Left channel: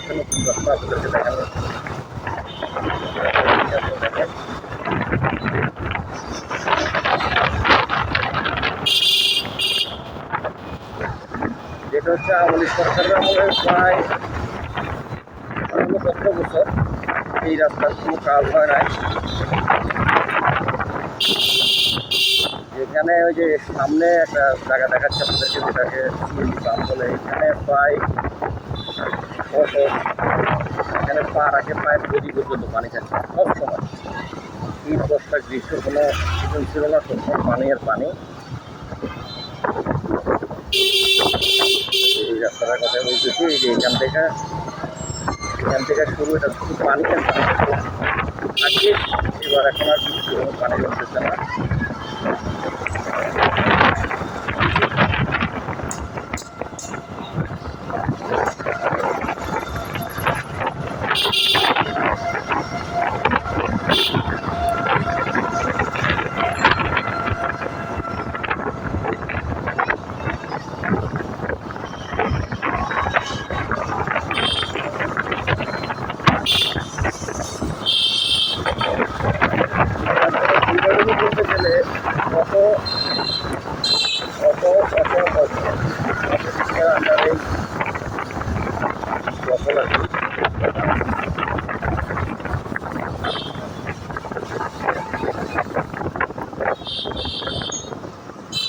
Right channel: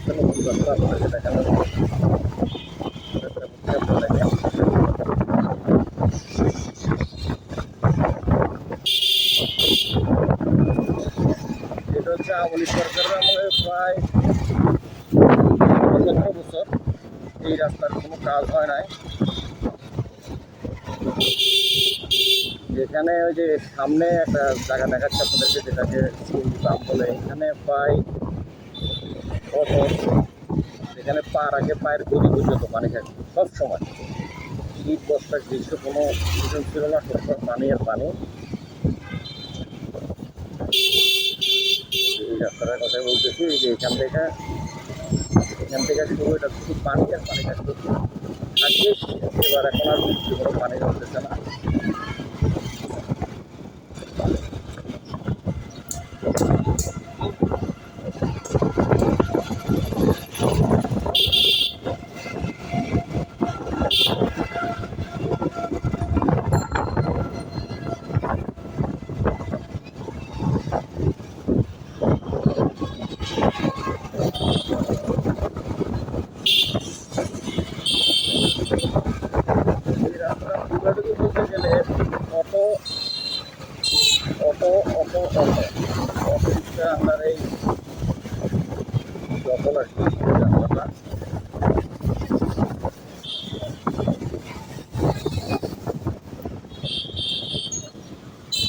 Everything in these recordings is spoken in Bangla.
হচ্ছে নতুন রাস্তা আপনাকে দেখানো। এটা হচ্ছে আওয়ামী সরকারের আমলের প্রায় ১৪ বছর এই রাস্তার কোনো কাজ হয় নাই। এখানে ওই যে সামনে একটা জায়গা দেখাচ্ছে আপনাদেরকে, যেটাকে সুইমিং পাম্প বলে। এখানে প্রায় এখানে পা রাখে প্রায় প্রতি পর্যন্ত পানি থাকে সবসময়। শীত বর্ষা গ্রীষ্ম কোনো সিজন ছিল না, সবসময় পানি আর পানি। এই রাস্তাটার কথা বলতেছি, যে এখান থেকে শুরু, এটা শুধু পানি আর পানি থাকে। এবার এখন আর পানি হচ্ছে না।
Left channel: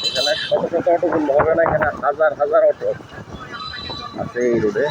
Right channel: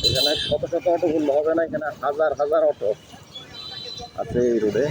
এখানে শত শত অটো বললে হবে না, এখানে হাজার হাজার অটো আছে এই রোডে।